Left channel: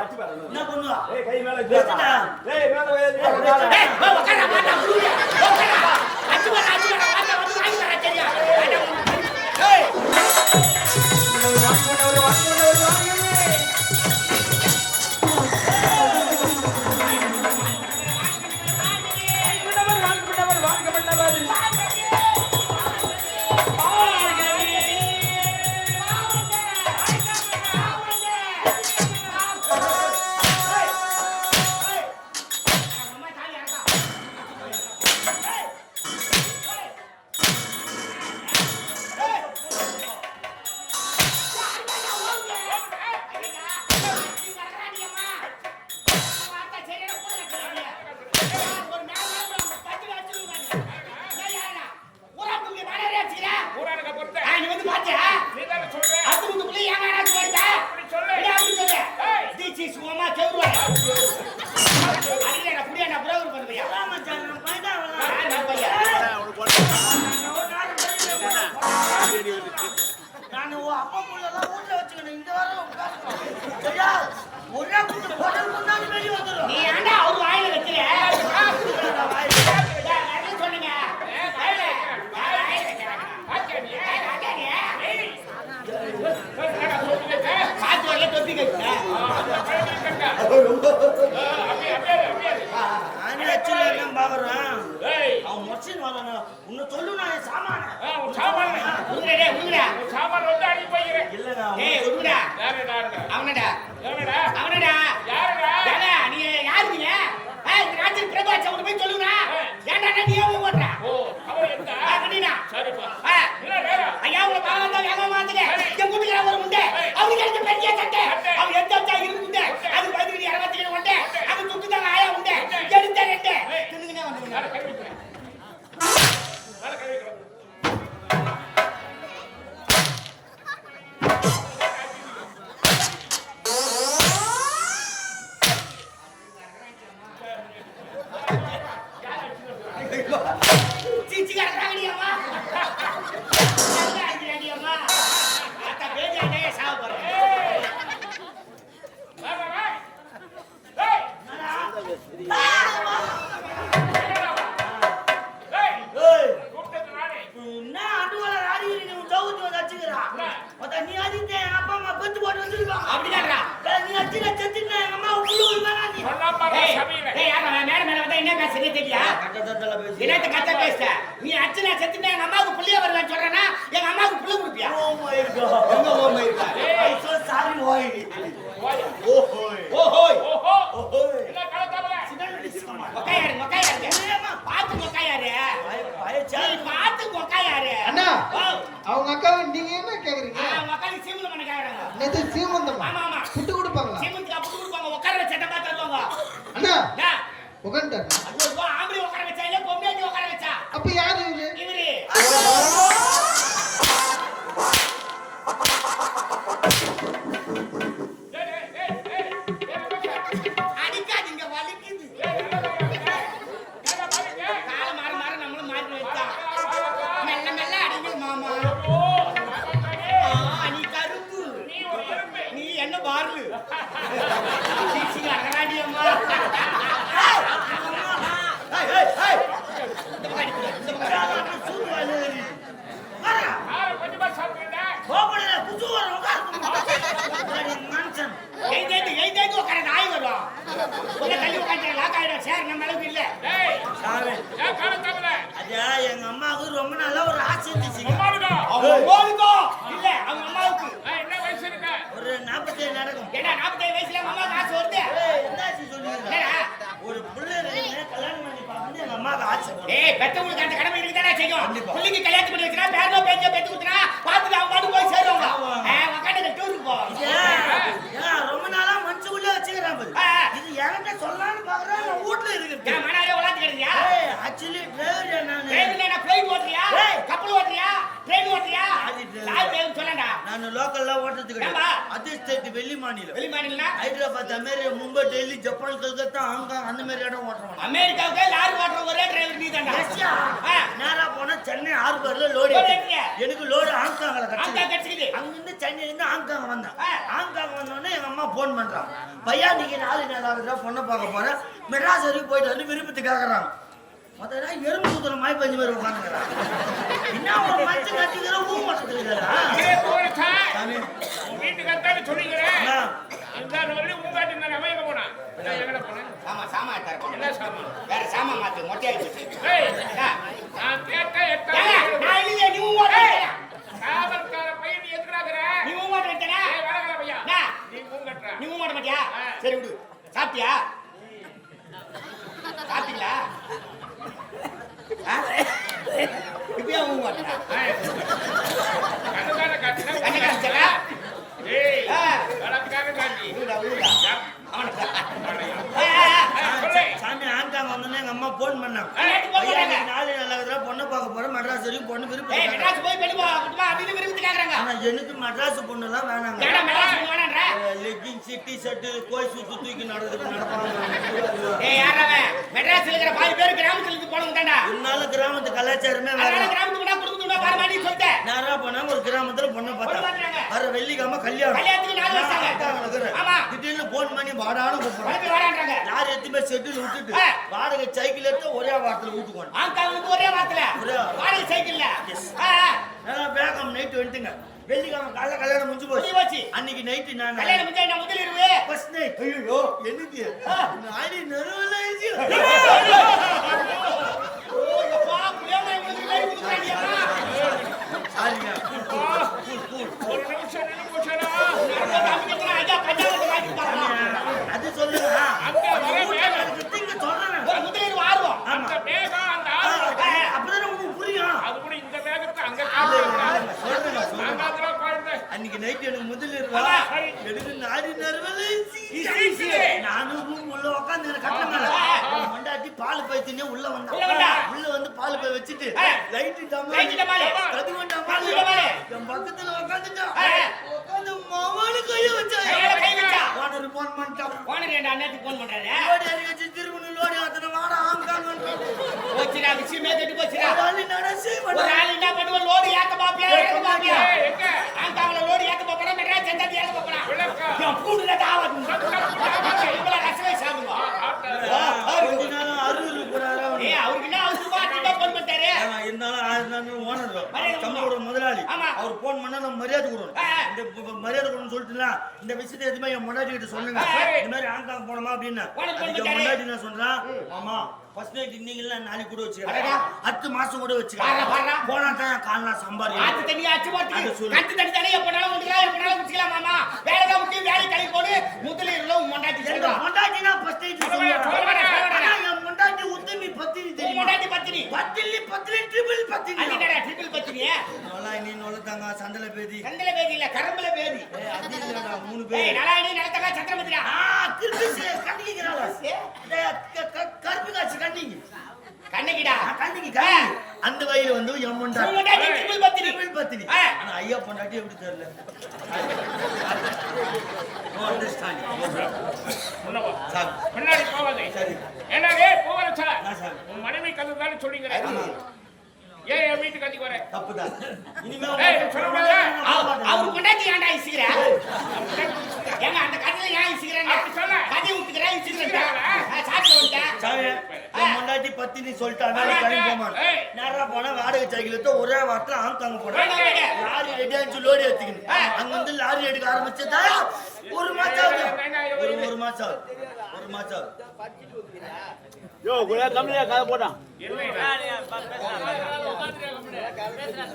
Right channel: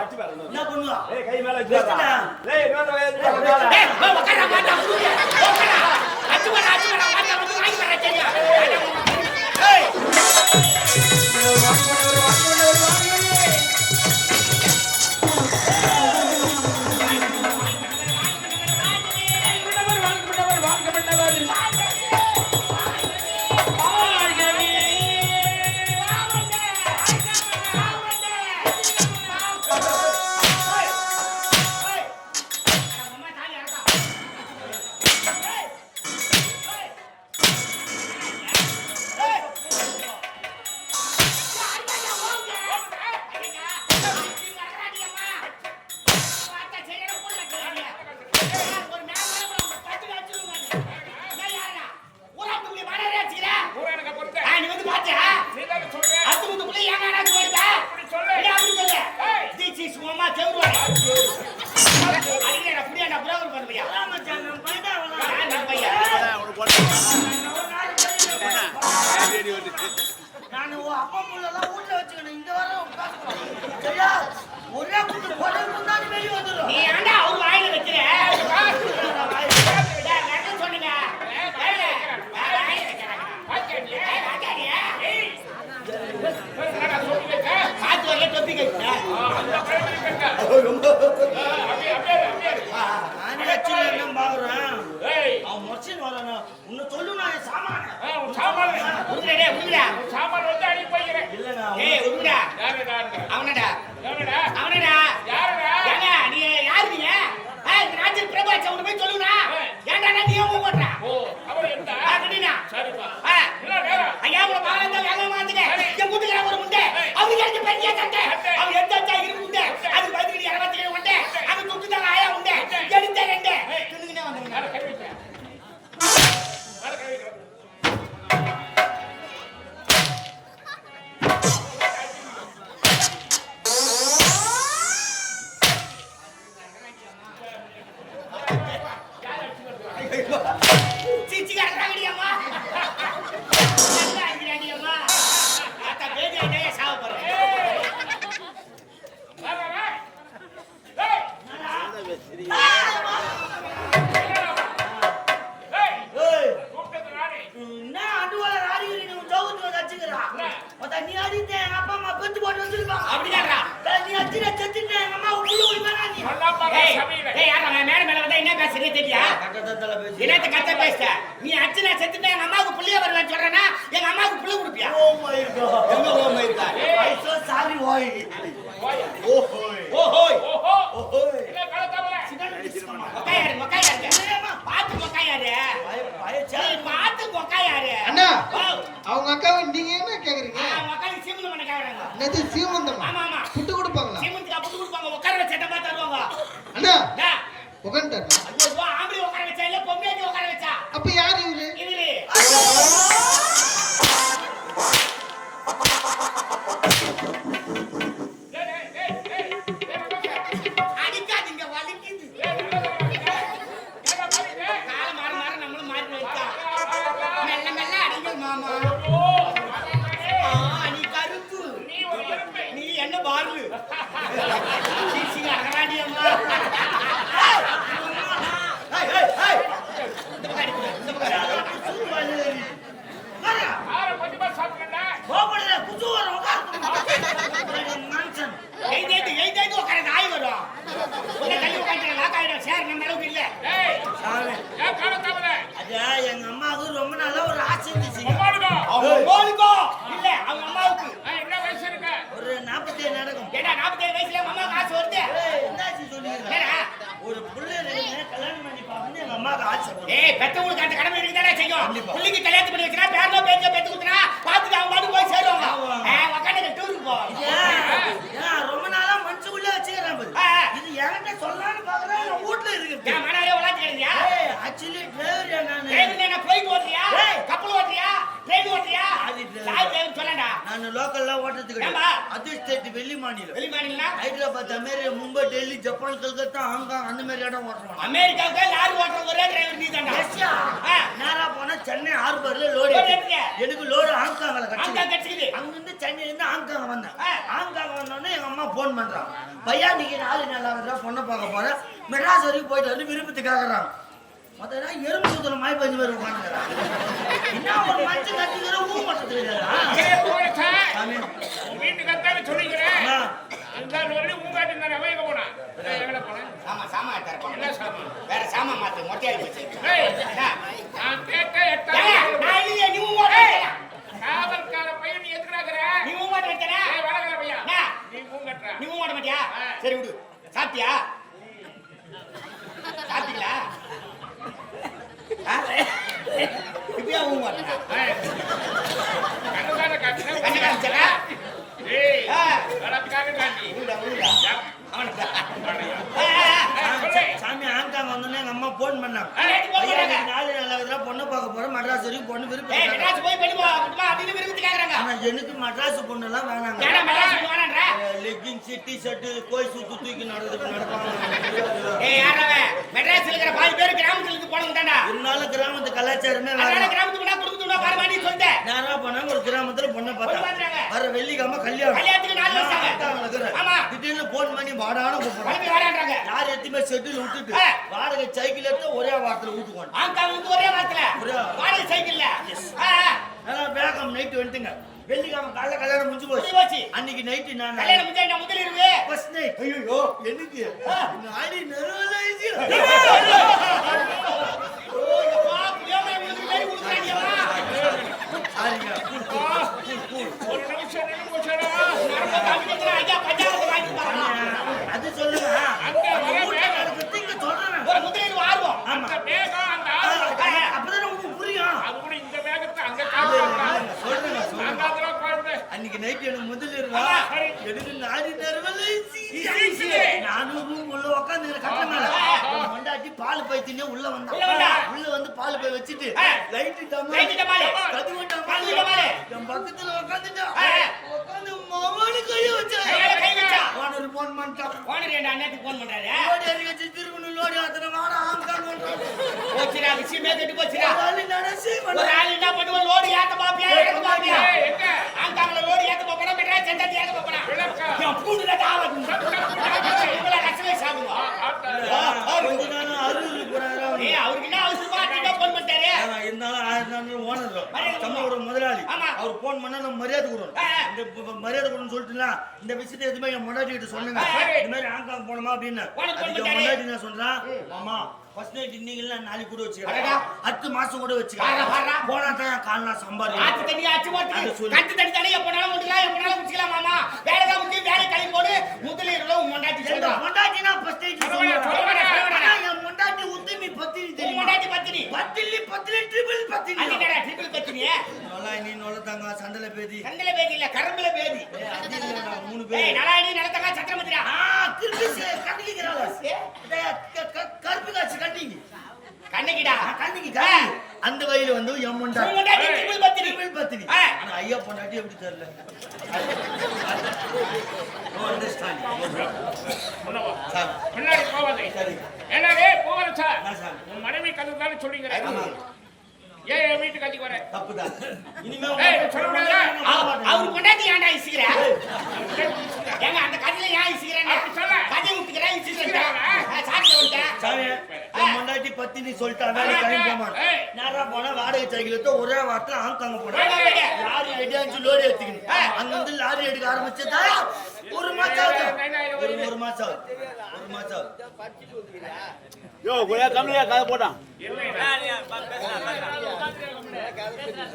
என்ன பண்ணுவா? ஏய் கை மேல வச்சுடா ஏய் மேல வச்சு ஏய் போய் உட்காரா வாடா குடிங்க உட்காரா அச்சு வரா அச்சு வரா வாடா வந்து வாங்கி வரா சரியா? ஏய். நான் அப்பா புள்ளெல்லாம் வீட்டுல வச்சுக்கணும். இங்க வர உட்காந்து சரியா? ஒரே குட்டி போட்டது முன்னாடி வெளியே வந்துடும் நீ ஏன்டா அவர் வாயில வைக்கிற சொன்னீங்க வாயில வைக்கிறேன் வாயில வைக்கிறேன் பாத்தியா நீ ஏய் என்னடா சொல்றீங்க காத்து வரல தொப்பி கைக்கிறேன் அந்த பழம் இருக்கங்க அப்படியே அப்படியே அப்படியே என்ன பாக்குறேன் ஏய் அவன் மொச்சின் வரான உன்னை சொல்லு நான் சாமான ஆ, உன் சாமான் உருண்டே உருண்டா உன் சாமான். வந்து அடி போய்க்கிறேன். இல்ல நான் ஏய் உருண்டா. யாருடா இருந்தா அவனடா. அவனடா. யாருடா? இந்த ராஜன் பிரகாஷ் அவன போய் சொல்லுங்க. ஏன்டா நீ ஏன் போடுறா ஓ அவர் கட்டினா சரிப்பா. ஐயா உங்க பாலத்தா வேகமா வந்துங்க. என் கூட்டுல ஒரு முண்டை. அவருக்கு எனக்கு பெரிய சட்டை. அவன் எந்த சட்டை இருக்கு முண்டை. அது பதினஞ்சு இருபத்தி ஏழு முண்டை. அவன் துட்டு தான் ஆயா முண்டை. எடுத்த ரெண்டு வந்துருங்க. நீ அடித்த எங்க அப்பா அம்மா பெத்து போட்டு வச்சிருப்பாங்க. அப்படிதான்டா. ஏய், நீ எங்க அம்மா ஏய் மேல மேல வந்தா என்ன பேசுறீங்க தெரியா? கட்டத்தல பேசி. என்னத்த கத்த பேசுற? நீ அச்சனா செத்துட்டா எங்க அம்மாவுக்கு புள்ளைய வருவேன்னு சொல்றேன்னா எங்க அம்மாவுக்கு புள்ள கொடுப்பியா? ஓ மை காட் எங்க ஓ my god I so sorry ஓய். ஓஹோய். பாத்து சரி பாத்து மொக்காயாரு அண்ணா அவங்க அக்காவை நீங்க என்ன கேக்குறீங்க? மொக்காய் சீமந்தம் பண்ண கேக்குறாங்க. என்னது சீமந்தமா? ஆமா ஆமா. சேர் நம்ம அளவுக்கு இல்ல. ஏன் கலத்தாமல ஐயா எங்க அம்மாவுக்கு ரொம்ப நாளா ஒரு ஆசை இல்ல, அவங்க அம்மாவுக்கு. என்ன வயசு இருக்க ஒரு நாற்பத்தேழு நடக்கும். ஏடா, 47 வயசுல அம்மாவுக்கு ஆசை வருது. என்னாச்சு சொல்லுங்க? ஒரு புள்ள இருக்குன்னு கல்யாணம் பண்ணி பார்க்கணும்னு எங்க அம்மாவுக்கு ஆசை. ஏய், பெத்தவங்களுக்கு அந்த கடமை இருக்குதானே செய்யும். புள்ளைக்கு கல்யாணம் பண்ணி வச்சுனா, பேரனோ பேத்தியோ பெத்து கொடுத்தனா, பார்த்துட்டு அவங்க பாட்டுக்கு போய் சேருவாங்க. ஆமா. ஆ, உக்காந்துட்டு டூருக்கு போவாங்க. ஏன் ரொம்ப நாளா பாரு. இது என்கிட்ட சொல்லலாம்னு பாக்குறேன் நான் வீட்டுல இருக்குது ஏன் மனாலே உலாத்திக்கிறியா? ஆக்சுவலி டிரைவர் நானு டிரைவர் என்ன ஓட்டுறியா? கப்பல் ஓட்டுறியா? train ஓட்டுறியா? அது சாய் பேர் சொல்லடா நான் லோக்கல்ல ஓட்டுறது? கிடையாது ஸ்டேட் வெள்ளி மாநிலம் வெளி மாநிலம்னா Hyderabad America Mumbai Delhi Japan Calcutta Hong Kong அந்த மாதிரி இடம் ஓட்டுறோம் அமெரிக்காவுக்கு ஒரே டிரைவர் நீ ரஷ்யா ஆ. நேரா போனா சென்னை ஹார்பர்ல லோடு. எனக்கு லோடு ஹாங்காங்ல அங்க கட்சி கட்சிக்குது அங்கிருந்து சென்னையில இருந்து ஹாங்காங் வந்தேன். ஹாங்காங் வந்தோடனே எங்க அம்மா போன் பண்றான் பையா நீங்க நாலு நாள் ஆகுதுடா பொண்ணை பார்க்க போறேன். மெட்ராஸ் வரைக்கும் போயிட்டு வந்து விருப்பத்துக்கு கேக்குறாங்க மொத்தம் எறும்பு சுத்தல மாய் பஞ்சு மாதிரி உட்காந்துக்கிறான். என்ன ஒரு மனுஷன் கட்டிக்கிற ஊ உன் வீட்டுக்கு அத்தானே சொல்லிக்கிறேன். ஆ. இந்த வரலையும் உங்க காட்டி இருந்தாரு அவன் எங்க போனான் எங்கட போனான் சாமா சாமா தரப்பா என்ன சாமான் வேற சாமா மாத்து மொட்டையாகி போச்சு ஏய் என்ன? நான் கேட்ட ஏங்க, எட்டாவது நான் இல்லையே, நீ உன் ஓட்ட வச்சேனா? காவல்கார பையன் நீ எதுக்குறாக்குற நீ உன் ஓட்ட வச்சேனா? ஏய் வடகல பையா என்ன? நீ மூங்கட்டுற நீ உன் ஓட்ட மாட்டியா ஆ. சரி விடு சாப்பிட்டியா சாப்பிட்டீங்களா ஆ? இப்பயா உன் ஓட்டா கண்ணுதான காட்டினா கண்ணு காமிச்சா? ஏய் ஆ. வழக்காக காட்டி விடுடா, விடுடா. யப். அவனுக்கு. வாடையா. ஆ, ஆ, ஆ. ஏய், சொல்லு சாமி ஹாங்காங் வந்தோடனே எங்க அம்மா போன் பண்ணாங்க ஏய், phone ஐயா பண்ணாங்க. நீங்க நாலு நாள் ஆகுதுடா பொண்ணை பார்க்க போறேன் மெட்ராஸ் வரைக்கும் பொண்ணு மெட்ராஸ் போய் பெண் போ- வா, அப்படின்னு விரும்பி கேக்குறாங்க. ஆனா எனக்கு மெட்ராஸ் பொண்ணெல்லாம் வேணாங்க ஏன்டா மெட்ராஸ் வேணான்ற? லெக்கின்ஸ் டி ஷர்ட் கோய் சுத்து தூக்கி நடந்து நடப்பாங்க ஏய்? மெட்ராஸ்ல இருக்கிற பாதி பேர் கிராமத்துல இருந்து போனவங்க தான்டா. இருந்தாலும் கிராமத்து கலாச்சாரமே வேற கிராமத்துக்கு போனா குடும்பத்துக்கு போனா பாரு மாதிரி சொல்லிட்டேன். நேரா போனா ஒரு கிராமத்துல பொண்ணை பார்த்தா. வர வெள்ளிக்கிழமை கல்யாணம் கல்யாணத்துக்கு நாலு வருஷம். ஆமா. திடீர்னு போன் பண்ணி வாடான்னு கூப்பிடுறேன் உனக்கு வேணான்றாங்க. யார் எத்துமே செட்டில் விட்டுட்டு. வாடகை சைக்கிள் எடுத்து ஒரே வாரத்துல வந்து ஒரே வாரத்துல. வாடகை சைக்கிள்ல வேகம் நைட்டு வந்துட்டுங்க வெள்ளிக்கிழமை காலைல கல்யாணம் முடிஞ்சு போச்சு போச்சு. அன்னைக்கு நைட்டு நான் கல்யாணம் முடிஞ்சா நான் முதல் இருவே. ஃபர்ஸ்ட் நைட் ஐயோ எனக்கு நாடி நடுவுல அப்பா, அது சொல்லுங்க. அங்க வர. நீங்க சொல்றேன். அந்த வேகம் அந்த ஆர்வம் அப்பதான் உங்களுக்கு புரியும் அது கூட இந்த வேகத்தை அங்க அன்னைக்கு நைட் எனக்கு முதல் சரி. எனக்கு நாடி நரவல. நானும் உள்ள உட்காந்து கட்ட மேல ஆஹா. என் பொண்டாட்டி பால் பை தின்னே உள்ள வந்தா உள்ள வந்தா? பால் பை வச்சுட்டு லைட்டு டமாலு. கதுவன் கதுவு டமாலு. என் பக்கத்துல உட்காந்துட்டா ஆ. உட்காந்து மாமானு கைய வச்சா. ஓனர் போன் பண்ணிட்டான் ஓனர் என் அண்ணாத்துக்கு ஃபோன் பண்றாரு? லோடி அடி வச்சு திருமணம் லோடி அத்தனை வாடா ஆங்கான் போச்சுடா விஷயமே கெட்டு போச்சுடா. ஒரு ஆள் என்ன பண்ணுவோம் லோடு ஏத்த பாப்பியா ஏத்த பாப்பியா ஏய், எங்க? ஆங்காங்கல லோடு ஏத்த போறா மெட்ராஸ் சென்டர் ஏத்த போறா. விளக்கா என் பூண்டுல தாவது இருந்தாலும் ஆயிரம் நாள் ஓனர் தம்பியோட முதலாளி. அவர் போன் பண்ணா நம்ம மரியாதை கொடுக்கணும். இந்த மரியாதை கொடுக்கணும் சொல்லிட்டுலாம் இந்த விஷயத்தை எதுவுமே என் முன்னாடி கிட்ட சொல்லுங்க. இந்த மாதிரி ஹாங்காங் போனோமா அப்படின்னு. அதுக்கு. முன்னாடி நான் சொல்றேன் மாமா ஃபர்ஸ்ட் நைட் இன்னைக்கு நாளைக்கு கூட. வச்சுக்கிறேன். அடுத்த மாசம் கூட வச்சுக்கிறேன். போனா தான் காலனா ஆத்து சம்பாதி தண்ணி அச்சு போட்டு அது சொல்லு. கட்டு தண்ணி தண்ணி எப்பனாலும் முடிக்கலாம் எப்பனாலும் முடிச்சுக்கலாம் மாமா. வேலை தான் முக்கியம் வேலை கழி போடு. முதலீடுல உன் மண்டாட்டி ஃபர்ஸ்ட் நைட் சொல்ல வேணாம், சொல்ல வேணாம். ஆனா என் பொண்டாட்டி உத்தமி பத்தினி உன் தெரியுமா மண்டாட்டி பத்தினி பத்தினி பத்தினி ட்ரிபிள் பத்தினி அது என்னடா ட்ரிபிள் பத்தினியே நீ நொல்லத்தாங்க சண்டல பேதி. கண்டல பேதி இல்ல கரும்புல பேதி. ஏய், அது இல்லடா, மூணு ஏய் பேர் நலாயணி நிலத்தக்கா சத்திரமதிரா ஆ, கிறுக்கு கண்ணிக்கிறாளா? டேய், க- க- கருப்பு காட்சி கண்ணிக்கு. கண்ணகிடா ஆ, கண்ணிக்கு, கண்ணிக்கு. அந்த வயல வந்து. மண்டாட்டி ட்ரிபிள் பத்தினி. ட்ரிபிள் பத்தினி. ஆனா ஐயா பொண்டாட்டி எப்படி தெரியல? No problem. முன்னவா முன்னாடி போவாதே சரி. என்னடே போவல சார். உன் மனைவி கதை தானே ஆமா, ஏன் என் வர. இனிமே சொல்ல முடியாதா? அவர் ஏன்டா ஏங்க அந்த கதையில ஏன் இசுகிறேன் அப்படி சொல்ல. கதை விட்டுக்கிறேன் இசுகிறாரா? சாட்சி வந்துட்டேன். சாமி, என் பொண்டாட்டி. நேரா போனா வாடகை சைக்கிள் எடுத்து ஒரே வாரத்துல ஹாங்காங் போனேன். லாரி ரெடி ஆச்சு லோரி எடுத்துக்கணும் அங்கிருந்து லாரி எடுக்க ஆரம்பிச்சதா? ஒரு மாசம் ஆகுது. ஒரு ஒரு மாசம் ஆகுது. ஒரு இல்லைடா.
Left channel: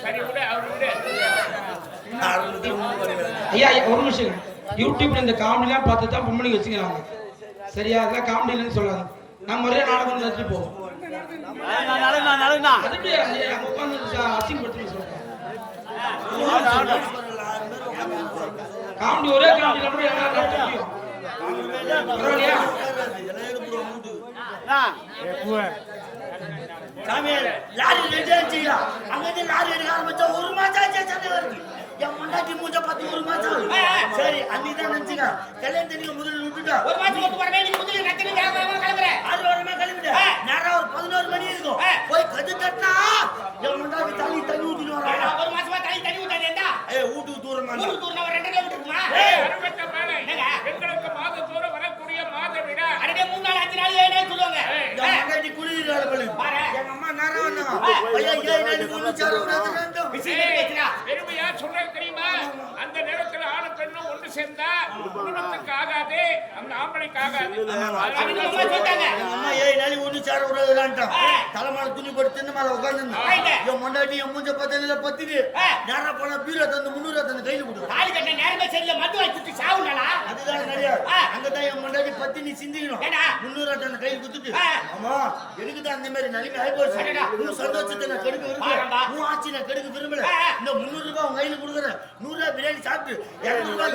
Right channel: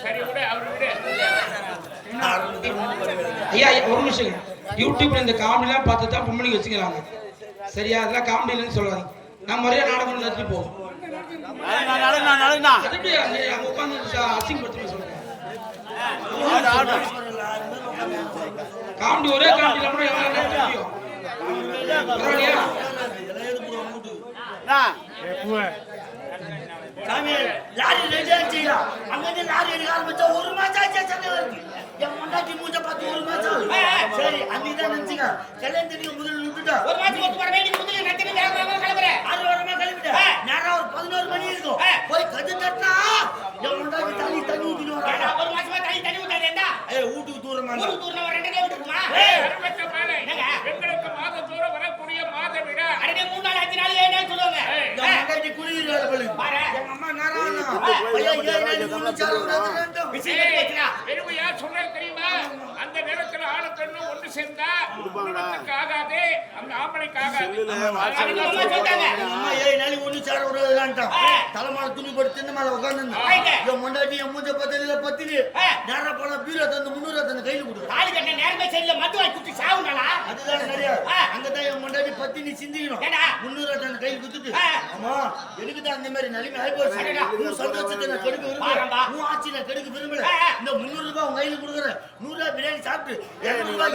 சரி விடு அவர் விடு. ஆரம்பத்துல மூணு வருகிறது. ஐயா ஐயா, ஒரு நிமிஷம் யூடியூப்ல இந்த காமெடிலாம் பார்த்து தான் பொம்பளைங்க வச்சுக்கலாங்க சரியா? அதெல்லாம் காமெடி இல்லைன்னு சொல்லாது நான் முறையா நாடகம் நடத்தி போவோம். அசிங்கப்படுத்தணும் சொல்றேன் காமெடி ஒரே காமெடியில கூட எல்லாம் நடத்த முடியும். பரவாயில்லையா? சாமியார் லாரி ரெடி ஆச்சுயா அங்கிருந்து லாரி எடுக்க ஆரம்பிச்சா ஒரு மாசம் ஆச்சு சென்னை வருது என் பொண்டாட்டி மூஞ்ச பார்த்து ஒரு மாசம். சரி அன்னைக்கு தான் நினைச்சுங்க கல்யாணம் தெரியும் முதல்ல விட்டுட்டா ஒரு மாசம் ஒத்து போறவே நீ முதல்ல வேக வேகமா கிளம்புற ஆறு வாரமா கிளம்பிட்டேன் ஆ. நேரம் ஒரு பதினோரு மணி இருக்கும். போய் கட்டு கட்டினா என் பொண்டாட்டி தண்ணி தண்ணி ஊத்திட்டு வராங்க ஒரு மாசமா தண்ணி தண்ணி ஊத்தாது என்ன ஏய் வீட்டுக்கு தூரமா ஊருக்கு தூரம் ஒரு ரெண்டு கிலோமீட்டர் இருக்குமா ஏய், அறுபத்த மேலே என்னங்க? எங்களுக்கு மாதத்தோறும் வரக்கூடிய மாத விழா அடடே மூணு நாள் அஞ்சு நாள் ஏழு நாள் சொல்லுவாங்க என் பொண்டாட்டி குளிர் வேலை பண்ணுது பாரு. எங்க அம்மா நேரம் வந்தாங்க பையன் ஏழு நாளைக்கு ஒண்ணு சேர விடாது ரெண்டும் விசில் எடுத்து வச்சுடா. பெருமையா சொன்னது தெரியுமா அந்த நேரத்துல ஆணு பெண்ணும் ஒன்று சேர்ந்தா குடும்பத்துக்கு ஆகாது. அந்த ஆம்பளைக்கு ஆகாது அம்மா ஏழு நாளைக்கு ஒண்ணு சேர விடாதுலான்ட்டான் ஆ. தலைமையில துணி போட்டு திண்ண மேல உட்காந்து. என் என் மூஞ்ச பத்தில பத்திரி ஆ. நேரம் போனா பீரோ தந்து முன்னூறு தந்து கையில கொடுக்குறேன் தாலி கட்ட நேரமே சரியில்லை. மது வாங்கி அதுதான் கிடையாது. அங்கதான் என் பொண்டாட்டி பத்தி நீ சிந்திக்கணும்? முன்னூறு தந்து கையில் குத்துட்டு. ஆமா எனக்கு தான் அந்த மாதிரி நிலைமை ஆகி போச்சு. உன் சந்தோஷத்தை நான் கெடுக்க. விரும்பல. உன் ஆட்சி நான் கெடுக்க விரும்பல. இந்த முன்னூறு ரூபாய் உன் கையில கொடுக்குறேன். நூறு ரூபாய் பிரியாணி சாப்பிட்டு இருநூறு ரூபாய்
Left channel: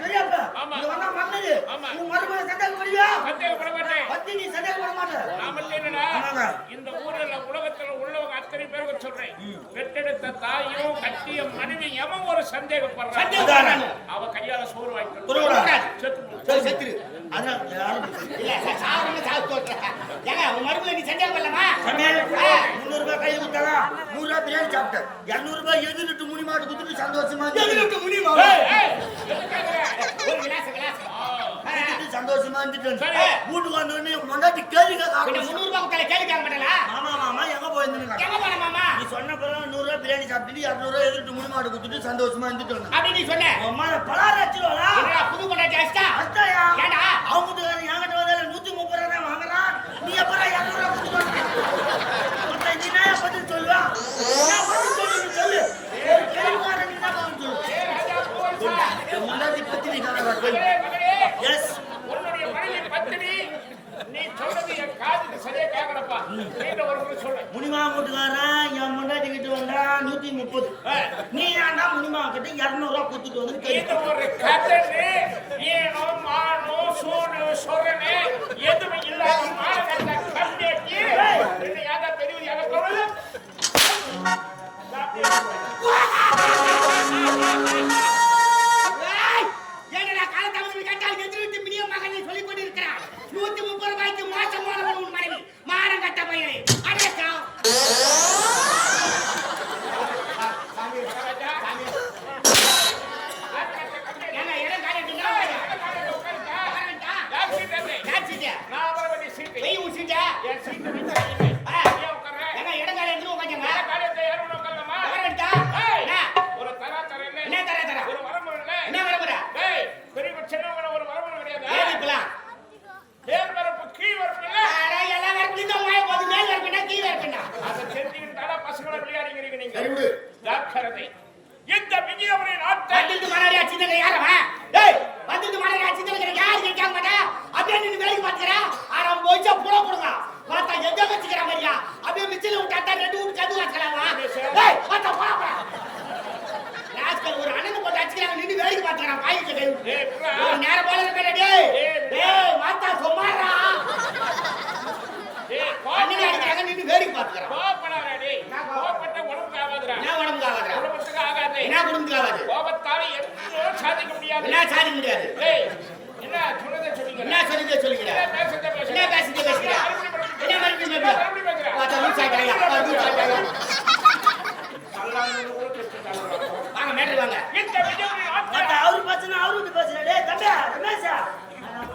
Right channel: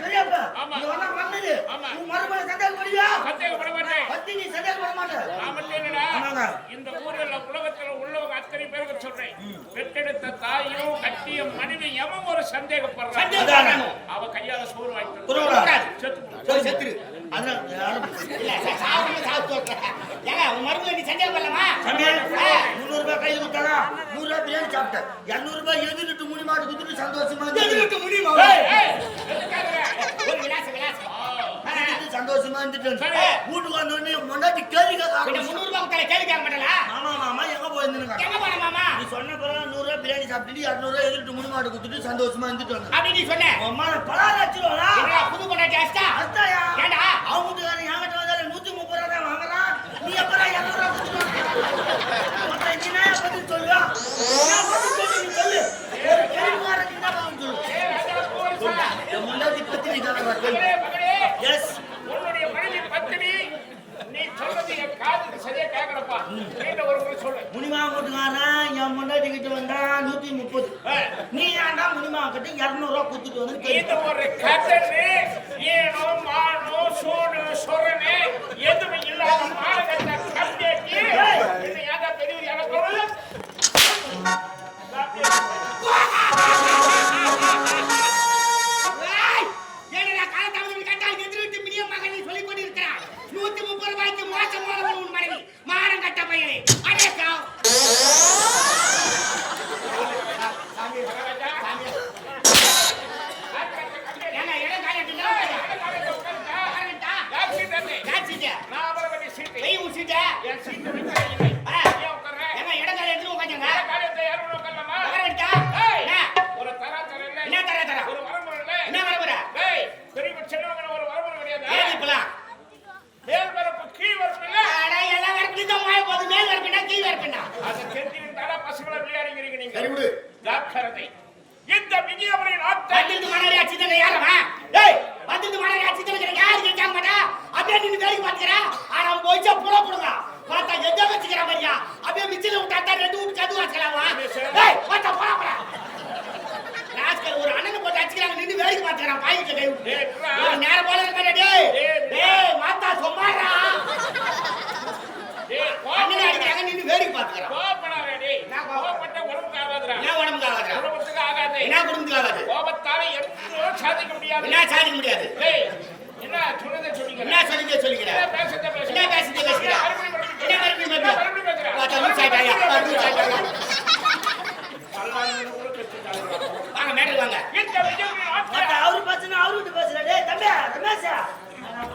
பெரியப்பா மாட்டேன் பத்தி நீ மாட்டேன் நான் மட்டும் என்னடா. இந்த ஊர்ல உலகத்துல உள்ளவங்க அத்தனை பேருக்கு சொல்றேன். பெற்றெடுத்த தாயும் கட்டிய மனைவி எவன் ஒரு சந்தேகப்படுறான்? அவ கையால சோறு வாங்கி புரியல. செத்து செத்துரு. அதான் யாரும் இல்ல சாவறவங்க சாவு சொல்றேன் ஏங்க உன் மருமகளை நீ பண்ணலாமா முன்னூறு ரூபாய் கையில கொடுத்தாங்க நூறு ரூபாய் பிரியாணி சாப்பிட்டேன். இருநூறு ரூபாய் எதிர்ட்டு முனி மாடு குத்துட்டு சந்தோஷமா எதிர்ட்டு முனி? ஒரு விலாசம் விலாசம் சந்தோஷமா இருந்துட்டு சரி. வீட்டுக்கு வந்த உடனே முன்னாடி கேள்வி கேட்க முந்நூறு ரூபாய் கேள்வி கேட்க மாட்டேங்களா மாமா மாமா எங்க போயிருந்துங்க எங்க போன மாமா? நீ சொன்ன பிறகு நூறு ரூபாய் பிரியாணி சாப்பிட்டு இருநூறு ரூபாய் எதிர்ட்டு முனி மாடு குத்துட்டு சந்தோஷமா இருந்துட்டு வந்தேன் அப்படி நீ சொன்ன. அம்மா பலாறு என்னடா புது பொண்டாட்டி அடிச்சிட்டா அத்தாயா? ஏண்டா? அவங்க வீட்டுக்காரன் என்கிட்ட வந்தால நூத்தி முப்பது ரூபா தான் வாங்குறான். நீ எப்பறம் இருநூறு கொடுத்துட்டு மொத்தம் நீ என்ன பதில் சொல்லுவா? என்ன பதில் சொல்லு நீ சொல்லு. ஒரு கேள்விக்காரன் நீ என்ன பதில் சொல்லு? முன்னாடி பத்தி நீ கேட்கறா கேள்வி மகளே, மகளே, எஸ் உன்னுடைய மனைவி பத்தினி நீ சொல்றது என் காதுக்கு சரியா கேட்கலப்பா நீண்ட ஒரு முறை சொல்லு முனிமா வீட்டுக்காரன் என் முன்னாடி கிட்ட வந்தா நூத்தி முப்பது. நீ ஏன்டா முனிமா கிட்ட இருநூறு ரூபா கொடுத்துட்டு வந்து ஒரு கதனு ஏனோ மானோ சோனு சொரணு எதுவும் இல்லாம மானகட்ட ஒரு நேரம் போல இருக்க டேய். டேய், மாத்தா, சும்மாடா. டேய் அண்ணனை கோபப்படாத நின்னு வேடிக்கை பார்த்துக்கிறான். கோபப்படாத டேய் கோபப்பட்ட உடம்புக்கு ஆகாதுடா என்ன உடம்புக்கு ஆகாதா? குடும்பத்துக்கு ஆகாது என்ன குடும்பத்துக்கு ஆகாது? கோபத்தால எதுவும் சாதிக்க முடியாது என்ன சாதிக்க முடியாது? டேய் என்ன சொன்னதை சொல்லிங்க என்ன சொல்லிட்டு சொல்லிக்கிறேன் என்ன பேசுறத பேசுற என்ன மறுபடியும் மறுபடியும் என்ன மறுபடியும் வாங்க மேடல் வாங்க இந்த விஜயபுரி பேசுனா அவரு கிட்ட பேசுற. டேய் தம்பி ரமேஷா. நான்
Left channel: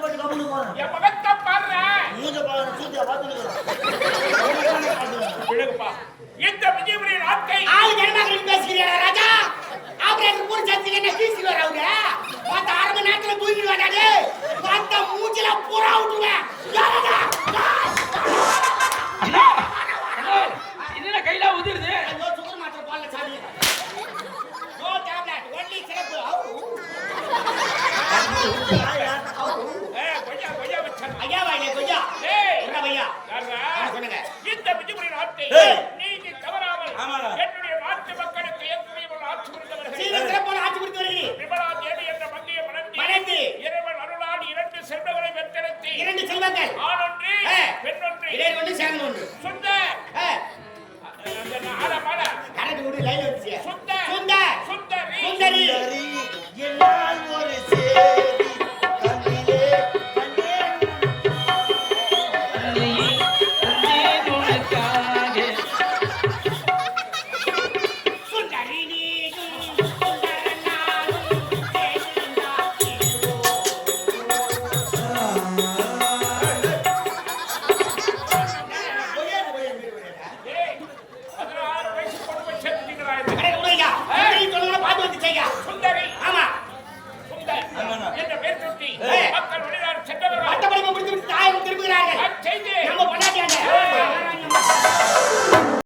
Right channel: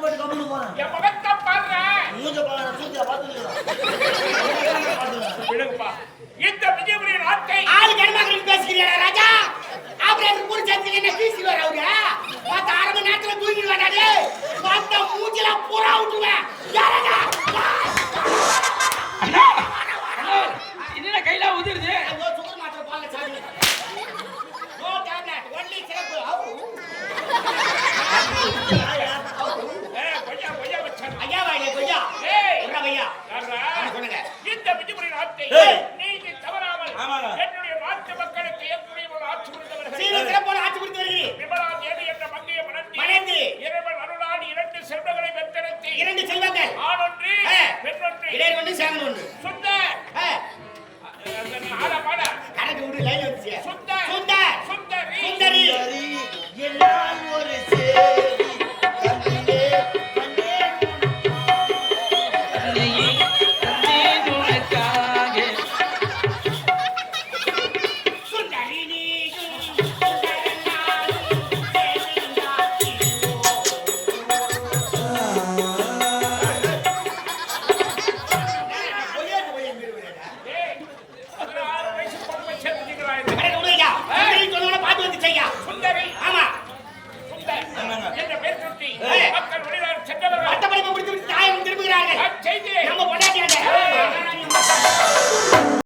சட்டை போட்டு கம்பெனி போறேன் என் முகத்தை பாடுறேன் மூஞ்ச பாடுற மூஞ்ச பார்த்துக்கிறேன் விடுங்கப்பா. இந்த விஜயபுரிய நாட்டை ஆளு கருமாக்கள் பேசுகிறீங்க ராஜா? ஆபரேட்டர் மூணு சந்தில என்ன வீசிடுவார் அவரு? பார்த்த அரை மணி நேரத்தில் தூங்கிடுவேன் பார்த்த மூஞ்சில புறா விட்டுருவேன் என்ன கையில உதிருது சுகர் 给个价